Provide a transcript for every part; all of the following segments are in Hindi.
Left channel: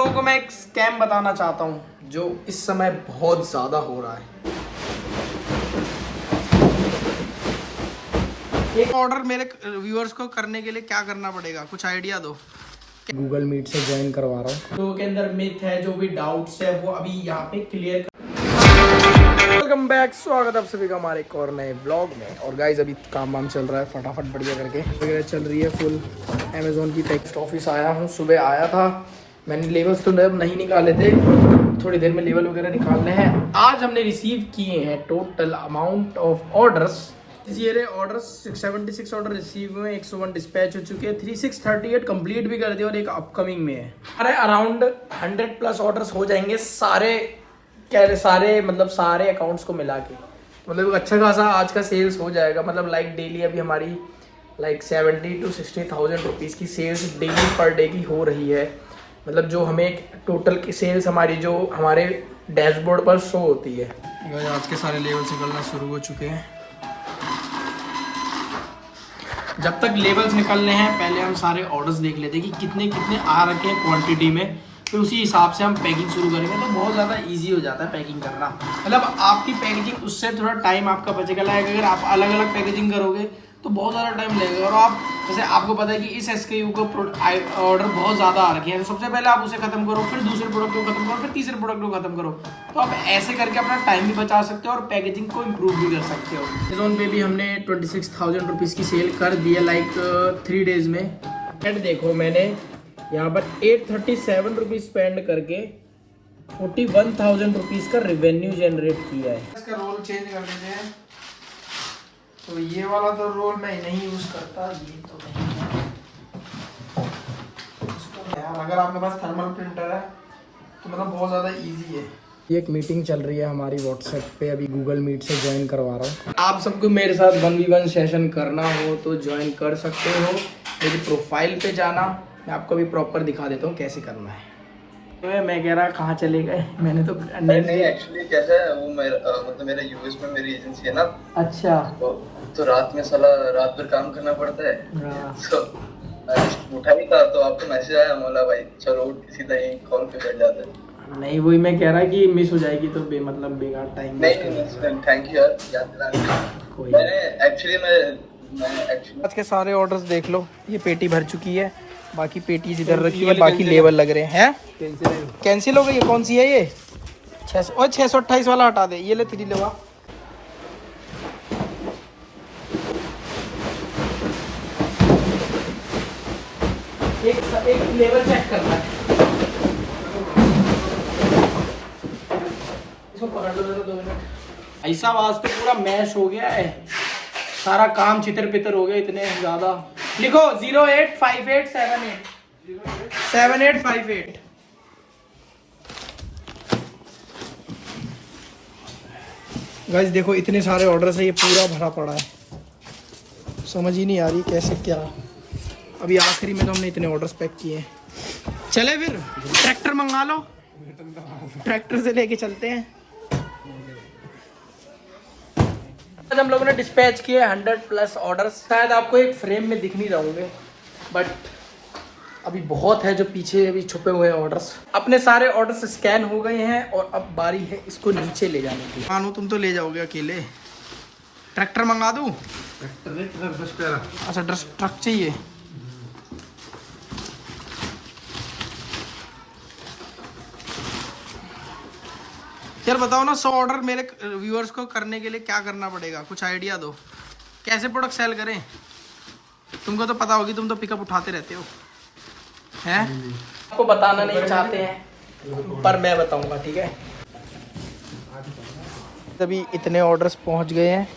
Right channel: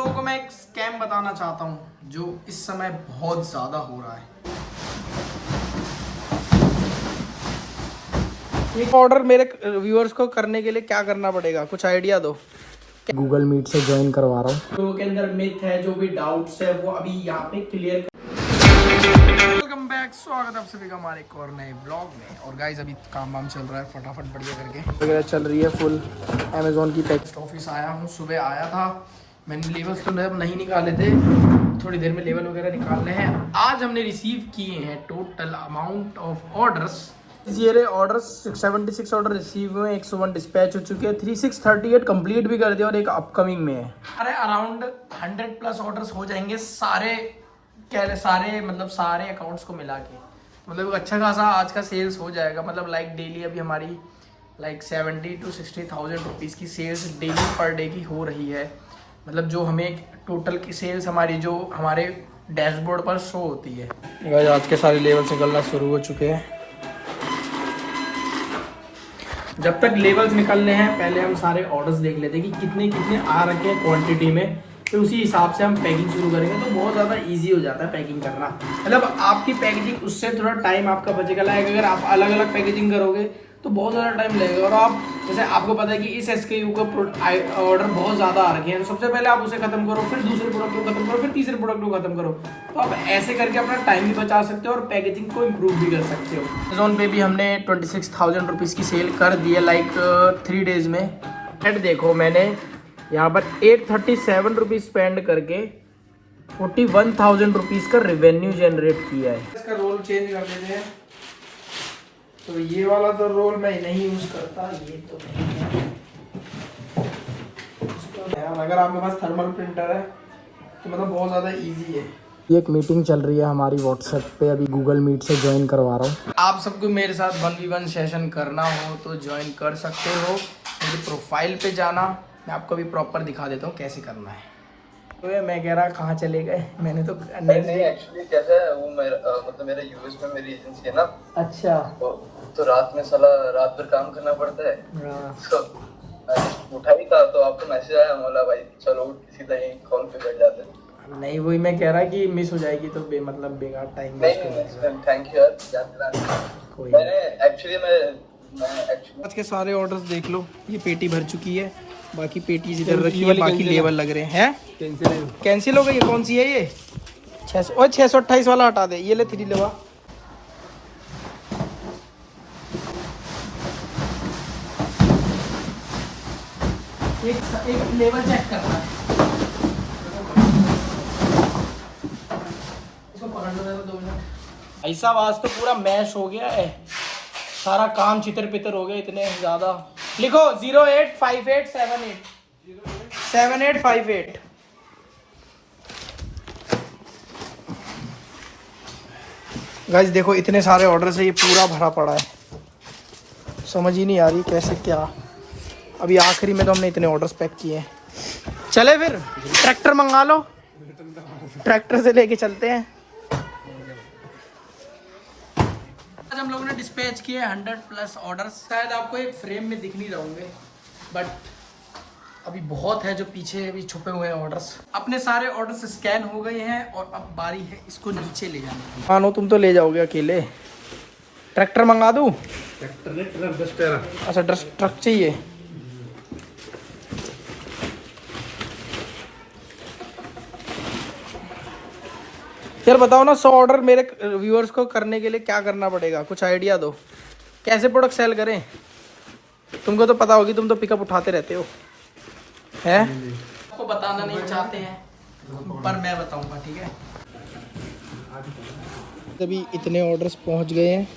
लोगों को मैं एक स्कैम बताना चाहता हूँ जो इस समय बहुत ज़्यादा हो रहा है। एक ऑर्डर मेरे व्यूअर्स को करने के लिए क्या करना पड़ेगा, कुछ आइडिया दो। गूगल मीट से ज्वाइन करवा रहा हूँ। तो के अंदर मिथ है, जो भी डाउट्स है वो अभी यहाँ पे क्लियर। वेलकम बैक, स्वागत है आप सभी का हमारे एक और नए ब्लॉग में। और गाइज अभी काम वाम चल रहा है फटाफट बढ़िया करके वगैरह चल रही है फुल। अमेजोन की टेक्स्ट ऑफिस आया हूँ, सुबह आया था मैंने। लेवल्स तो नहीं निकाले थे, थोड़ी देर में लेवल वगैरह निकालने हैं। आज हमने रिसीव किए हैं टोटल अमाउंट ऑफ ऑर्डर्स। ये ऑर्डर्स 76 ऑर्डर रिसीव हुए, 101 डिस्पैच हो चुके हैं, 3638 कंप्लीट भी कर दिया और एक अपकमिंग में है। अरे अराउंड 100 प्लस ऑर्डर्स हो जाएंगे सारे सारे अकाउंट्स को मिला के। मतलब अच्छा खासा आज का सेल्स हो जाएगा। मतलब लाइक डेली अभी हमारी 70 to 60,000 रुपीज़ की सेल्स डेली पर डे की हो रही है। मतलब जो हमें टोटल की सेल्स हमारी जो हमारे डैशबोर्ड पर शो होती है। आज के सारे लेवल्स निकलना शुरू हो चुके हैं। जब तक लेवल्स निकलने हैं पहले हम सारे ऑर्डर्स देख लेते हैं कि कितने कितने आ रखे हैं क्वांटिटी में, तो उसी हिसाब से हम पैकिंग शुरू करेंगे। तो बहुत ज़्यादा इजी हो जाता है पैकिंग करना। मतलब आपकी पैकेजिंग उससे थोड़ा टाइम आपका बचेगा। लाइक अगर आप अलग अलग पैकेजिंग करोगे तो बहुत ज़्यादा टाइम लगेगा। और आप जैसे आपको पता है कि इस SKU का ऑर्डर बहुत ज़्यादा आ रखे हैं, तो सबसे पहले आप उसे खत्म करो, फिर दूसरे प्रोडक्ट को खत्म करो, फिर तीसरे प्रोडक्ट को खत्म करो। तो आप ऐसे करके अपना टाइम भी बचा सकते हो और पैकेजिंग को इम्प्रूव भी कर सकते हो। अमेज़ॉन पे भी हमने 26,000 रुपीज़ की सेल कर दी है लाइक 3 डेज़ में। एंड देखो मैंने यहाँ पर 837 रुपीज़ स्पेंड करके 41,000 रुपीज़ का रेवेन्यू जनरेट किया है। इसका रोल चेंज कर देते हैं। तो ये वाला तो रोल मैं नहीं यूज करता, ये तो यार अगर आपके पास थर्मल प्रिंटर है तो मतलब बहुत ज़्यादा इजी है। ये एक मीटिंग चल रही है हमारी व्हाट्सएप पे, अभी गूगल मीट से ज्वाइन करवा रहा हूँ। आप सबको मेरे साथ 1v1 सेशन करना हो तो ज्वाइन कर सकते हो। मेरी प्रोफाइल पे जाना, मैं आपको भी प्रॉपर दिखा देता हूँ कैसे करना है। तो मैं कह रहा कहाँ चले गए, मैंने तो नहीं एक्चुअली कैसा है वो मतलब मेरा यूएस में मेरी एजेंसी है ना। अच्छा। तो रात में साला रात भर काम करना पड़ता है। तो उठा ही था तो आपको मैसेज आया, बोला भाई चलो सीधा ही कॉल पे बैठ जाते हैं। नहीं वही मैं कह रहा कि मिस हो जाएगी तो बेकार टाइम। नहीं थैंक यू यार, याद दिलाने। कोई मैंने एक्चुअली मैं आज के सारे ऑर्डर्स देख लो, ये पेटी भर चुकी है, बाकी पेटी इधर रखी है, बाकी लेवल लग रहे हैं। कैंसिल हो गई। ये कौन सी है? ये 628 वाला हटा दे, ये ले 3 लेवा। एक लेवल चेक करना है। इसको पकड़ लो 2 मिनट। ऐसा आज तो पूरा मैश हो गया है, सारा काम चितर पितर हो गया इतने ज्यादा। लिखो 085878 7858। गाइस देखो इतने सारे ऑर्डर से ये पूरा भरा पड़ा है, समझ ही नहीं आ रही कैसे क्या। अभी आखिरी में तो हमने इतने ऑर्डर्स पैक किए हैं। चले फिर ट्रैक्टर मंगा लो, ट्रैक्टर से लेके चलते हैं। आज हम लोगों ने डिस्पैच किए 100 प्लस ऑर्डर्स। शायद आपको एक फ्रेम में दिख नहीं रहे होंगे, बट अभी बहुत है जो पीछे अभी छुपे हुए हैं ऑर्डर्स। अपने सारे ऑर्डर्स स्कैन हो गए हैं और अब बारी है इसको नीचे ले जाने की। मानो तुम तो ले जाओगे अकेले। ट्रैक्टर मंगा दूं? ट्रैक्टर नहीं, ट्रक। अच्छा ट्रक चाहिए। यार बताओ ना, 100 ऑर्डर मेरे व्यूअर्स को करने के लिए क्या करना पड़ेगा, कुछ आइडिया दो। कैसे प्रोडक्ट सेल करें? तुमको तो पता होगी, तुम तो पिकअप उठाते रहते हो हैं। आपको बताना नहीं चाहते हैं पर मैं बताऊंगा, ठीक है। अभी इतने ऑर्डर्स पहुंच गए हैं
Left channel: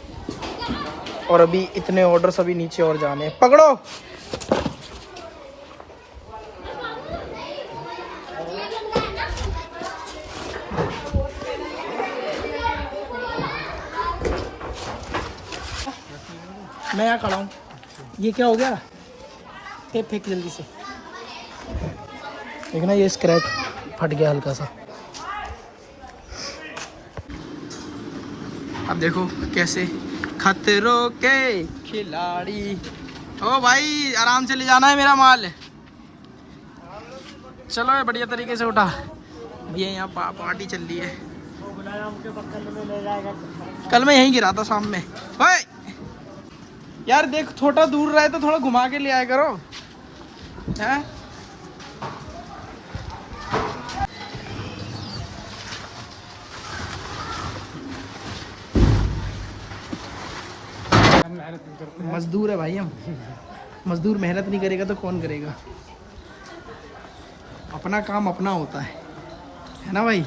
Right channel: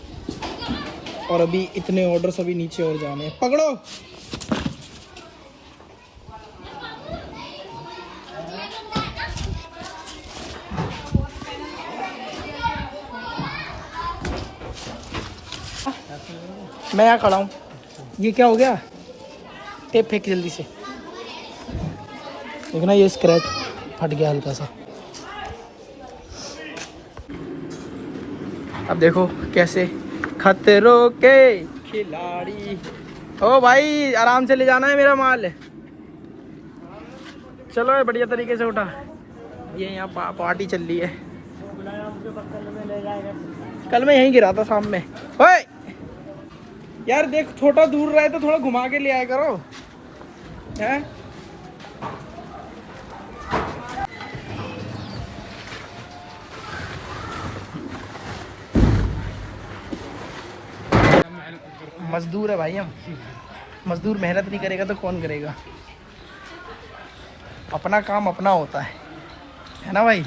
और अभी इतने ऑर्डर्स अभी नीचे और जाने हैं। पकड़ो। मैं यहाँ खड़ा हूँ। ये क्या हो गया? टेप फेंक जल्दी से। देखना ये स्क्रैच फट गया हल्का सा। अब देखो कैसे खतरों के खिलाड़ी। ओ भाई आराम से ले जाना है मेरा माल। चलो ये बढ़िया तरीके से उठा। ये यहाँ पार्टी चल रही है। कल मैं यहीं गिरा था शाम में। ओए यार देख, छोटा दूर रहा है तो थोड़ा घुमा के ले आया करो। हैं मजदूर है भाई हम। मजदूर मेहनत नहीं करेगा तो कौन करेगा। अपना काम अपना होता है ना भाई।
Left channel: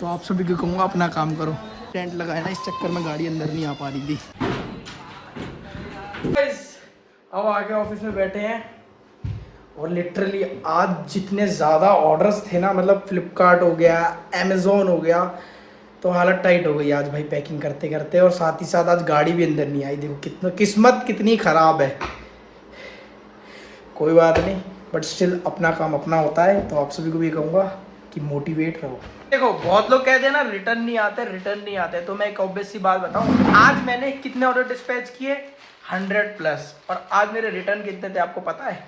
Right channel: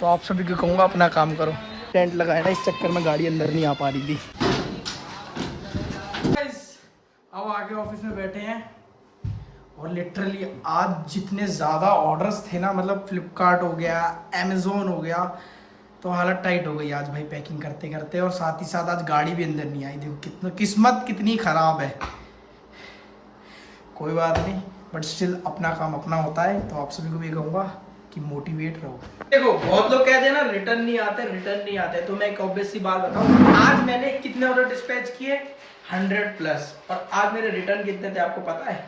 तो आप सभी को कहूँगा अपना काम करो। टेंट लगाया ना, इस चक्कर में गाड़ी अंदर नहीं आ पा रही थी। अब आके ऑफिस में बैठे हैं और लिटरली आज जितने ज़्यादा ऑर्डर्स थे ना, मतलब फ्लिपकार्ट हो गया, अमेज़ोन हो गया, तो हालत टाइट हो गई आज भाई पैकिंग करते करते। और साथ ही साथ आज गाड़ी भी अंदर नहीं आई। देखो कितना किस्मत कितनी ख़राब है। कोई बात नहीं, बट स्टिल अपना काम अपना होता है। तो आप सभी को भी कहूँगा कि मोटिवेट रहो। देखो बहुत लोग कहते हैं ना रिटर्न नहीं आते। तो मैं एक ऑब्वियस सी बात बताऊँ, आज मैंने कितने ऑर्डर डिस्पैच किए, 100+। और आज मेरे रिटर्न कितने थे आपको पता है?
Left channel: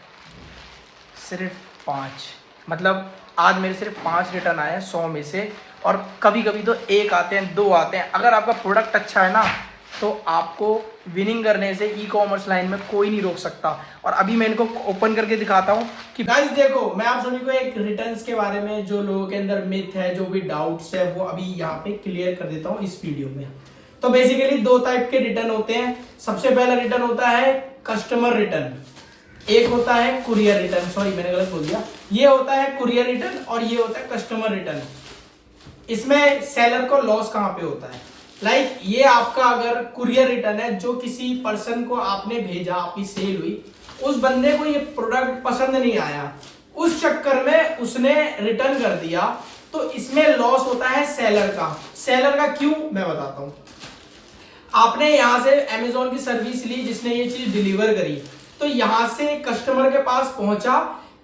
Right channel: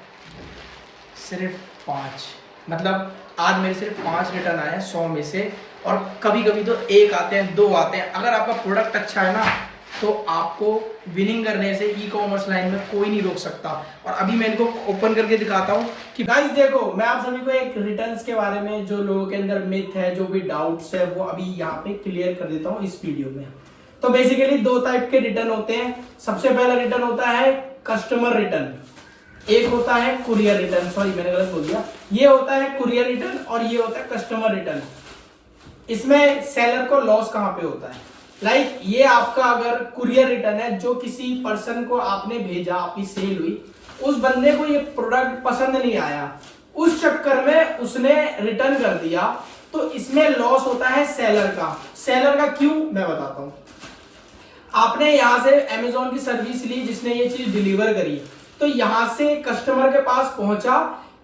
सिर्फ 5। मतलब आज मेरे सिर्फ 5 रिटर्न आए हैं 100 में से। और कभी कभी तो 1 आते हैं, 2 आते हैं। अगर आपका प्रोडक्ट अच्छा है ना, तो आपको विनिंग करने से ई कॉमर्स लाइन में कोई नहीं रोक सकता। और अभी मैं इनको ओपन करके दिखाता हूँ कि गाइस देखो, मैं आप सभी को एक रिटर्न्स के बारे में जो लोगों के अंदर मिथ है, जो भी डाउट्स है, वो अभी यहाँ पे क्लियर कर देता हूँ इस वीडियो में। तो बेसिकली 2 टाइप के रिटर्न होते हैं। सबसे पहला रिटर्न होता है कस्टमर रिटर्न, एक होता है कुरियर रिटर्न। सॉरी मैंने गलत बोल दिया। ये होता है कुरियर रिटर्न और ये होता है कस्टमर रिटर्न। इसमें सेलर को लॉस कहाँ पे होता है? लाइक ये आपका अगर कुरियर रिटर्न है, जो किसी पर्सन को आपने भेजा, आपकी सेल हुई, उस बंदे को ये प्रोडक्ट पसंद नहीं आया, उस चक्कर में उसने रिटर्न कर दिया, तो इसमें लॉस होता है सेलर का। सेलर का क्यों, मैं बताता हूं। आपने यहां से अमेज़न की सर्विस ली, जिसने ये चीज डिलीवर करी, तो यहां से कस्टमर के पास पहुंचा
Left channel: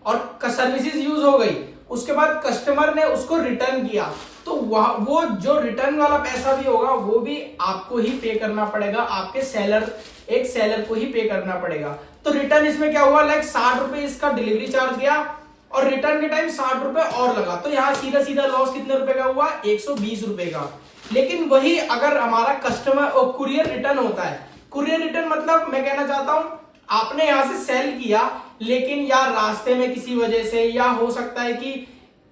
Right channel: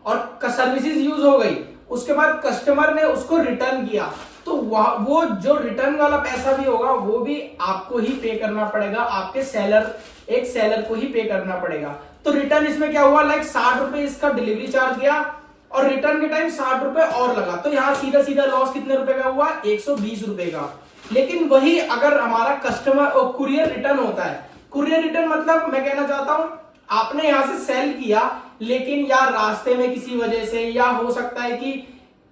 और सर्विसेज यूज हो गई। उसके बाद कस्टमर ने उसको रिटर्न किया, तो वो जो रिटर्न वाला पैसा भी होगा वो भी आपको ही पे करना पड़ेगा। आपके सेलर को ही पे करना पड़ेगा। तो रिटर्न इसमें क्या हुआ, लाइक 60 रुपए इसका डिलीवरी चार्ज गया और रिटर्न के टाइम 60 रुपए और लगा। तो यहाँ सीधा सीधा लॉस कितने रुपए का हुआ, 120 रुपए का। लेकिन वही अगर हमारा कस्टमर और कुरियर रिटर्न होता है, कुरियर रिटर्न मतलब मैं कहना चाहता हूं, आपने यहां से सेल किया, लेकिन या रास्ते में किसी वजह से, या हो सकता है कि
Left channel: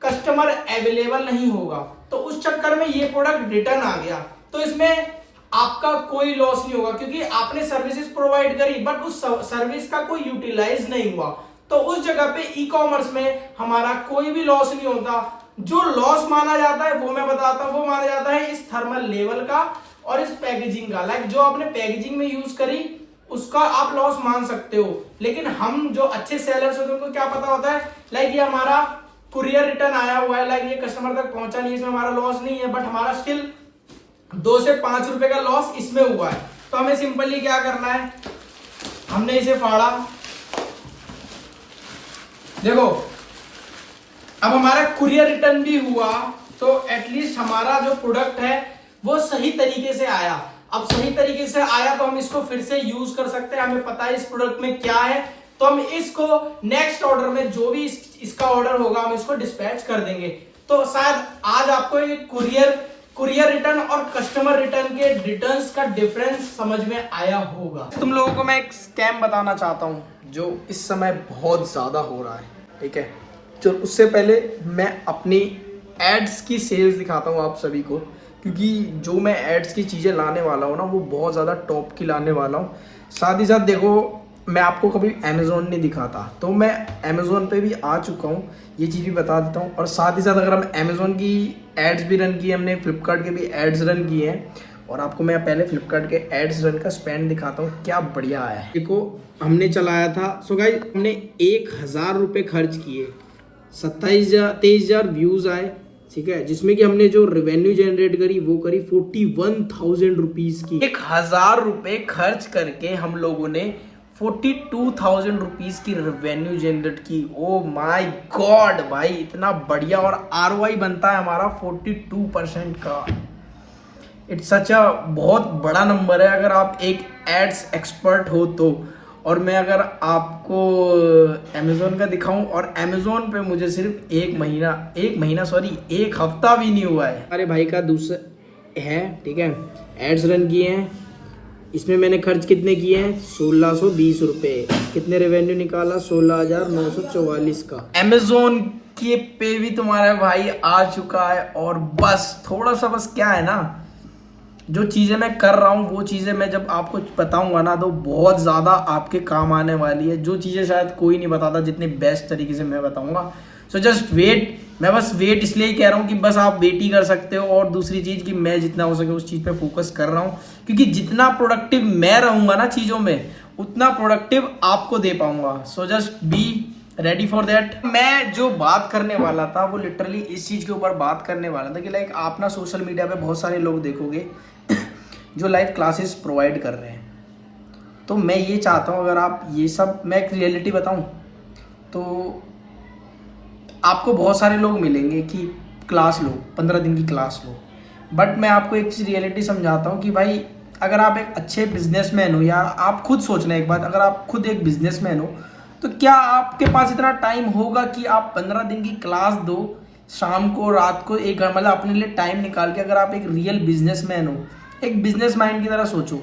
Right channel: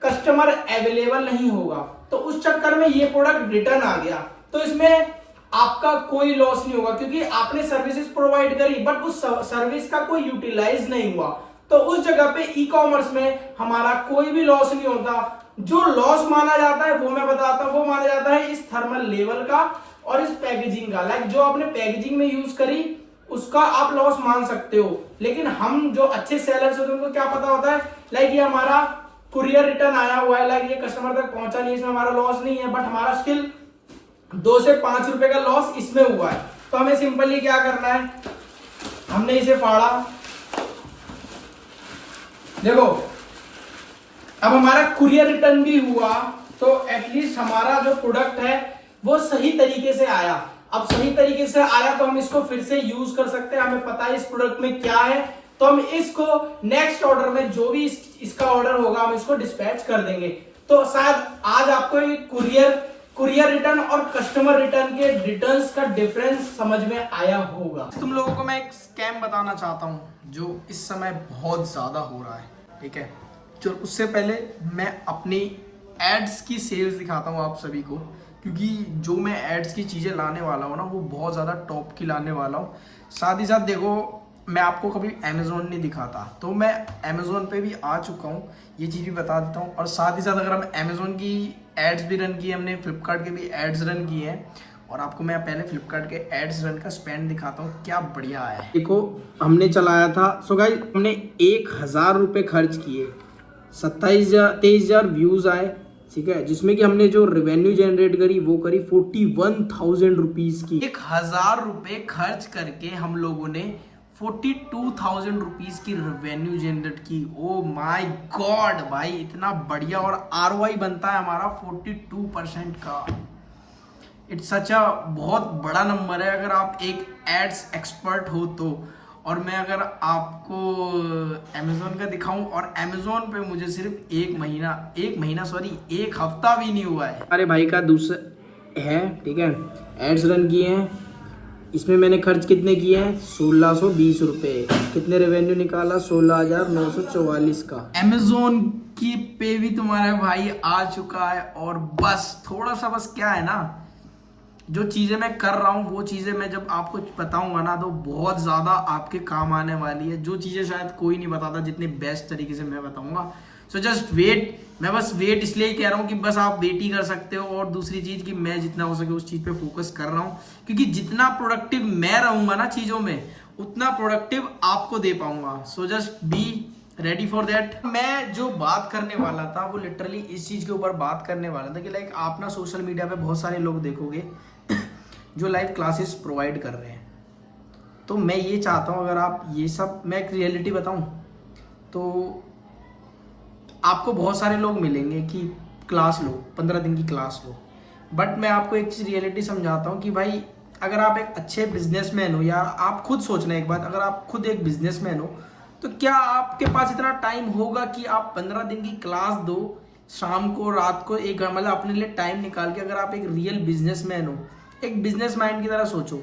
कस्टमर अवेलेबल नहीं होगा, तो उस चक्कर में ये प्रोडक्ट रिटर्न आ गया, तो इसमें आपका कोई लॉस नहीं होगा, क्योंकि आपने सर्विसेज प्रोवाइड करी बट उस सर्विस का कोई यूटिलाइज नहीं हुआ। तो उस जगह पे ई कॉमर्स में हमारा कोई भी लॉस नहीं होता। जो लॉस माना जाता है वो मैं बताता हूं, वो माना जाता है इस थर्मल लेवल का और इस पैकेजिंग का। लाइक जो आपने पैकेजिंग में यूज करी उसका आप लॉस मान सकते हो। लेकिन हम जो अच्छे सेलर्स होते हैं उनको क्या पता होता है, लाइक ये हमारा कुरियर रिटर्न आया हुआ है, लाइक ये कस्टमर तक पहुंचा नहीं, इसमें हमारा लॉस नहीं है, बट हमारा स्टिल 2 से 5 रुपए का लॉस इसमें हुआ है। तो हमें सिंपली क्या करना है, हमने इसे फाड़ा, देखो अब हमारा कुरियर रिटर्न भी हुआ, तो एटलीस्ट हमारा जो प्रोडक्ट है वो सही तरीके से आया। अब सही तरीके से आया तो हम इसको फिर से यूज कर सकते हैं, हमें पता है इस प्रोडक्ट में क्या है, तो हम इसको नेक्स्ट ऑर्डर में जो भी इसका ऑर्डर होगा हम इसको डिस्पैच कर देंगे। तो शायद आज आपको कुरियर रिटर्न और कस्टमर रिटर्न के रिटर्न्स का डिफरेंस समझ में आया होगा। तुम लोगों को मैं एक स्कैम बताना चाहता हूं जो इस समय बहुत ज्यादा हो रहा है, ठीक है। जो उससे पहले मैं अपनी एड्स की सेल्स दिखाता हूं आप सभी को, क्योंकि जो मैं एड्स की चीजें लाने वाला हूं ना वो बहुत ज्यादा टॉप की लाने वाला हूं। साथ ही साथ देखो, मैं आपको कभी अमेज़ोन नहीं दिखाता, तो मैं अमेज़ोन पे भी आ चुका हूँ, ये चीज़ भी बता देता हूँ। और साथ ही साथ अगर हम अमेज़ोन की एड्स भी रन की है, हमने फ्लिपकार्ट के भी एड्स रन किए हैं, और आपको मैं पहले फ्लिपकार्ट के एड्स रन का स्पेंड दिखाता हूँ क्या बढ़िया आया है। देखो हमने चलाया था, सो गाइस हमने 1000 रुपये खर्च किए, 23,000 व्यूज़ आए, ठीक है, जिसमें कि हमने जो रेवेन्यू जनरेट करी वो करी 41,000 रुपीज़ की। 1000 रुपये खर्च करके हम लोगों ने 42,000 रुपीज की रेवेन्यू जनरेट की। ओ माय गॉड भाई, इतना बढ़िया। और ROI बनता है हमारा 42% का। इट्स सच अ बहुत बड़ा नंबर है अगर आप एक एड्स एक्सपर्ट हो तो। और मैं अगर आपको अमेज़ोन का दिखाऊं, और अमेज़ोन पे मुझे सिर्फ एक हफ्ता भी नहीं हुआ है। हमारे भाई का दूसरा है, ठीक है, एड्स रन किए हैं, इसमें मैंने खर्च कितने किए हैं 1620 रुपये। कितने रेवेन्यू निकाला 16,944 का। अमेज़ोन के पे भी तुम्हारा भाई आ चुका है। और बस थोड़ा सा बस क्या है ना, जो चीज़ें मैं कर रहा हूँ वो चीज़ें मैं जब आपको बताऊंगा ना तो बहुत ज़्यादा आपके काम आने वाली है। जो चीज़ें शायद कोई नहीं बताता जितनी बेस्ट तरीके से मैं बताऊंगा। So just wait. मैं बस वेट इसलिए ही कह रहा हूँ कि बस आप वेट ही कर सकते हो। और दूसरी चीज़ कि मैं जितना हो सके उस चीज़ पे फोकस कर रहा हूँ, क्योंकि जितना प्रोडक्टिव मैं रहूँगा ना चीज़ों में, उतना प्रोडक्टिव आपको दे पाऊँगा। So just be ready for that. मैं जो बात करने वाला था वो लिटरली इस चीज़ के ऊपर बात करने वाला था कि लाइक आप ना सोशल मीडिया पे बहुत सारे लोग देखोगे जो लाइव क्लासेस प्रोवाइड कर रहे हैं। तो मैं ये चाहता हूँ, अगर आप ये सब, मैं एक रियलिटी बताऊँ तो आपको बहुत सारे लोग मिलेंगे कि क्लास लो, 15 दिन की क्लास लो। बट मैं आपको एक चीज़ रियलिटी समझाता हूँ कि भाई अगर आप एक अच्छे बिजनेसमैन हो, या आप खुद सोचना एक बात, अगर आप खुद एक बिजनेसमैन हो तो क्या आपके पास इतना टाइम होगा कि आप 15 दिन की क्लास दो, शाम को रात को एक मतलब अपने लिए टाइम निकाल के। अगर आप एक रियल बिजनेसमैन हो, एक बिजनेस माइंड की तरह सोचो।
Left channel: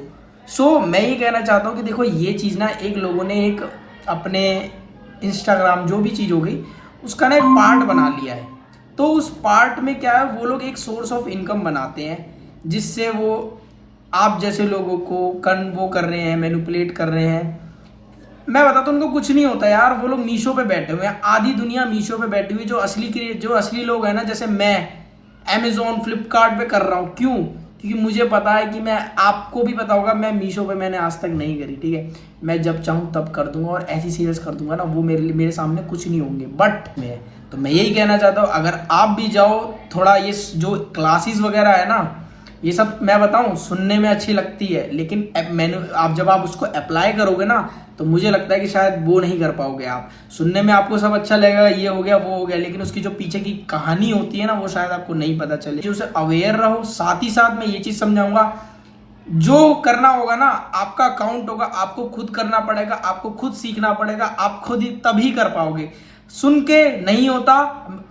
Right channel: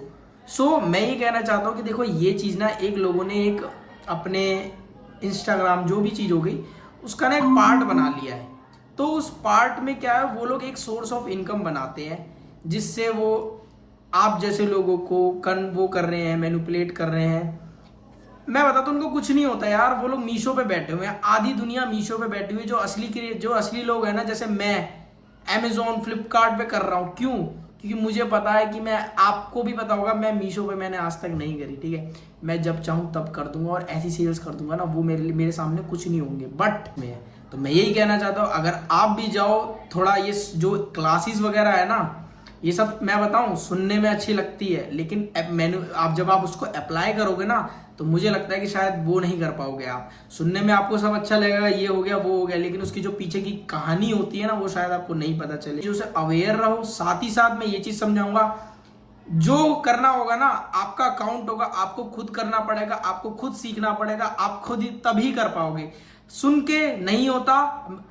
सो मैं ये कहना चाहता हूँ कि देखो ये चीज़ ना एक लोगों ने एक अपने इंस्टाग्राम जो भी चीज़ हो गई उसका ना एक पार्ट बना लिया है। तो उस पार्ट में क्या है, वो लोग एक सोर्स ऑफ इनकम बनाते हैं जिससे वो आप जैसे लोगों को वो कर रहे हैं, मैनिपुलेट कर रहे हैं। मैं बताता हूँ उनको कुछ नहीं होता यार। वो लोग मीशो पे बैठे हुए हैं, आधी दुनिया मीशो पे बैठी हुई। जो असली लोग हैं ना, जैसे मैं अमेजोन फ्लिपकार्ट पे कर रहा हूँ। क्यों? क्योंकि मुझे पता है कि मैं, आपको भी पता होगा, मैं मीशो पे मैंने आज तक नहीं करी, ठीक है। मैं जब चाहूँ तब कर दूंगा और ऐसी सेल्स कर दूंगा ना, वो मेरे सामने कुछ नहीं होंगे। बट मैं यही कहना चाहता हूँ, अगर आप भी जाओ थोड़ा, ये जो क्लासेस वगैरह है ना, ये सब मैं बताऊं सुनने में अच्छी लगती है, लेकिन जब आप उसको अप्लाई करोगे ना तो मुझे लगता है कि शायद वो नहीं कर पाओगे आप। सुनने में आपको सब अच्छा लगेगा, ये हो गया वो हो गया, लेकिन उसकी जो पीछे की कहानी होती है ना वो शायद आपको नहीं पता चले। उसे अवेयर रहो। साथ ही साथ मैं ये चीज समझाऊंगा, जो करना होगा ना आपका अकाउंट होगा, आपको खुद करना पड़ेगा, आपको खुद सीखना पड़ेगा, आप खुद ही तभी कर पाओगे। सुन के नहीं होता,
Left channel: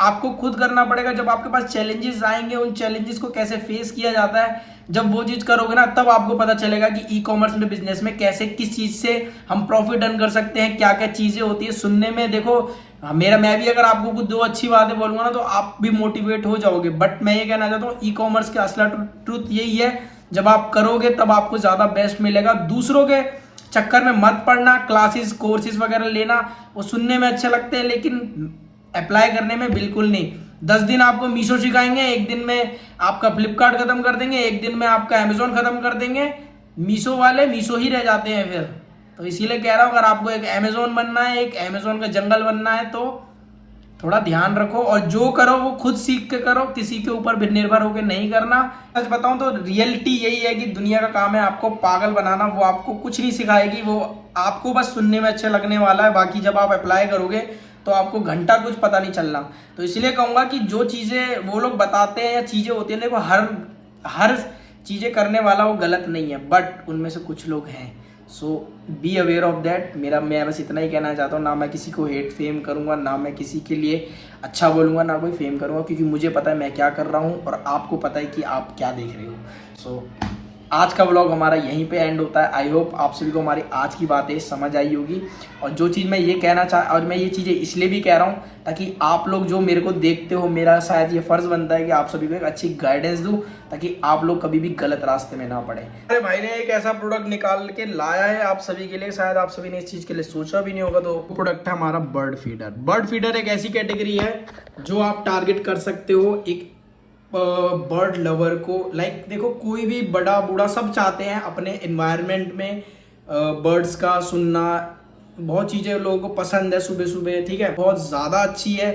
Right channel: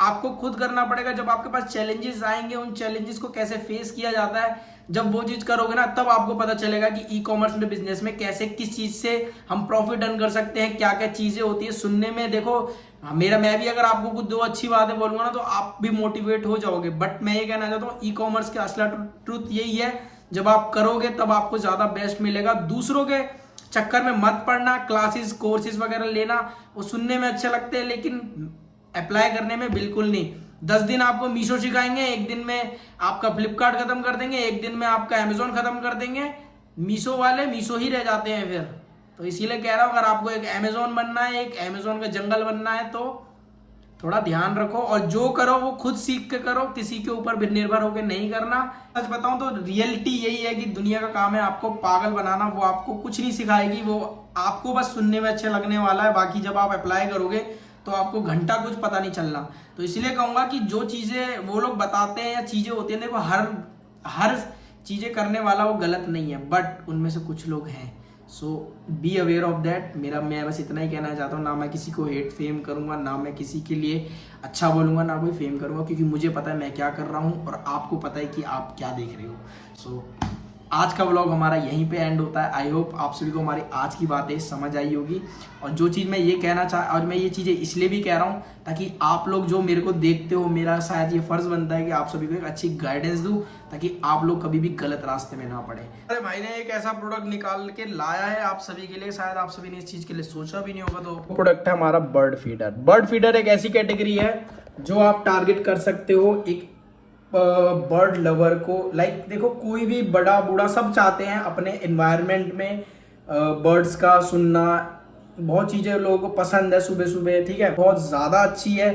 आपको खुद करना पड़ेगा। जब आपके पास चैलेंजेस आएंगे, उन चैलेंजेस को कैसे फेस किया जाता है, जब वो चीज करोगे ना तब आपको पता चलेगा कि ई कॉमर्स में, बिजनेस में कैसे, किस चीज से हम प्रॉफिट अर्न कर सकते हैं, क्या क्या चीजें होती है। सुनने में देखो मैं भी अगर आपको कुछ दो अच्छी बातें बोलूंगा ना तो आप भी मोटिवेट हो जाओगे। बट मैं ये कहना चाहता हूँ, ई कॉमर्स का असला ट्रूथ यही है, जब आप करोगे तब आपको ज्यादा बेस्ट मिलेगा। दूसरों के चक्कर में मत पड़ना। क्लासेस कोर्सेज वगैरह लेना वो सुनने में अच्छे लगते हैं लेकिन अप्लाई करने में बिल्कुल नहीं। 10 दिन आपको मीशो सिखाएंगे, एक दिन में आपका फ्लिपकार्ट खत्म कर देंगे, एक दिन में आपका अमेजोन खत्म कर देंगे। मीशो वाले मीशो ही रह जाते हैं फिर। तो इसीलिए कह रहा हूं, अगर आपको एक अमेजोन बनना है, एक अमेजोन का जंगल बनना है, तो थोड़ा ध्यान रखो और जो करो वो खुद सीख के करो, किसी के ऊपर भी निर्भर होकर नहीं करना। सच बताऊं तो रियलिटी यही है कि दुनिया का काम है आपको पागल बनाना। वो आपको कुछ नहीं सिखाएगी, वो आपको बस सुनने में अच्छा लगने वाला है। बाकी जब आप अप्लाई करोगे तो आपको घंटा कुछ पता नहीं चलना। तो इसलिए कहूंगा कि जो चीजें वो लोग बताते हैं या चीजें होती है, देखो हर चीजें करने वाला वो गलत नहीं है, बट उनमें से कुछ लोग हैं। सो बी अवेयर ऑफ दैट। मैं बस इतना ही कहना चाहता हूँ। ना मैं किसी को हेट फेम करूँगा, ना मैं किसी के लिए अच्छा बोलूँगा, ना कोई फेम करूँगा, क्योंकि मुझे पता है मैं क्या कर रहा हूँ और आपको पता है कि आप क्या देख रहे हो। सो आज का व्लॉग हमारा यहीं पे एंड होता है। आई होप आप सभी को हमारी आज की बातें समझ आई होगी। और जो चीज़ मैं ये कहना और मैं ये चीज़ें इसलिए भी कह रहा हूँ ताकि आप लोग जो मेरे को देखते हो, मेरा शायद ये फर्ज बनता है कि आप सभी को एक अच्छी गाइडेंस दूं ताकि आप लोग कभी भी गलत रास्ते में ना पड़े। अरे भाई ने एक ऐसा प्रोडक्ट निकाल के लाया है आप सभी के लिए, शायद आप सभी ने इस चीज के लिए सोचा भी नहीं होगा। तो प्रोडक्ट है हमारा बर्ड फीडर। बर्ड फीडर एक ऐसी कैटेगरी है जो आप टारगेट कर सकते हो एक बर्ड लवर को। लाइक देखो, कोई भी बड़ा बूढ़ा सब चाहते हैं अपने एनवायरनमेंट में बर्ड्स का सुनना। बहुत चीजें लोगों को पसंद है सुबह सुबह, ठीक है, बहुत ज्यादा अच्छी है,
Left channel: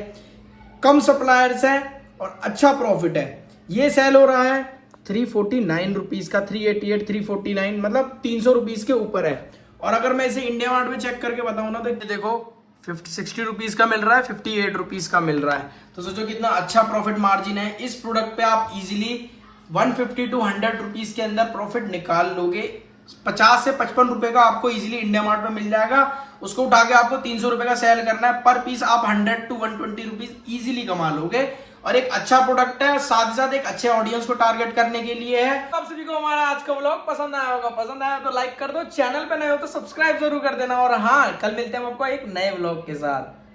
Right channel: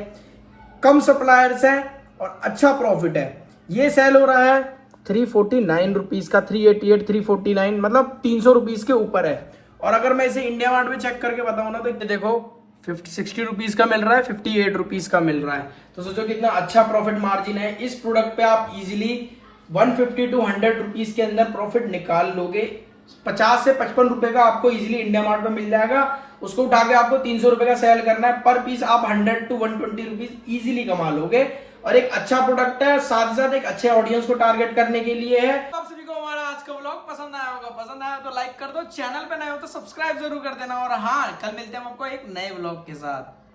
कम सप्लायर्स है और अच्छा प्रॉफिट है। ये सेल हो रहा है 349 रुपीज का, 388, 349, मतलब 300 रुपीज के ऊपर है। और अगर मैं इसे इंडिया मार्ट में चेक करके बताऊं ना तो देखो 60 रुपीज का मिल रहा है, 58 रुपीज का मिल रहा है। तो सोचो कितना अच्छा प्रॉफिट मार्जिन है। इस प्रोडक्ट पे आप इजीली 150 to 100 रुपीज के अंदर प्रॉफिट निकाल लोगे 50 से 55 रुपए का आपको इजीली इंडिया मार्ट में मिल जाएगा। उसको उठा के आपको 300 रुपए का सेल करना है, पर पीस आप 100 to 120 रुपीज इजीली कमा लोगे। और एक अच्छा प्रोडक्ट है, साथ ही साथ एक अच्छे ऑडियंस को टारगेट करने के लिए है। आप सभी को हमारा आज का व्लॉग पसंद आया होगा, पसंद आया तो लाइक कर दो, चैनल पे नए हो तो सब्सक्राइब जरूर कर देना। और हाँ, कल मिलते हैं आपको एक नए व्लॉग के साथ।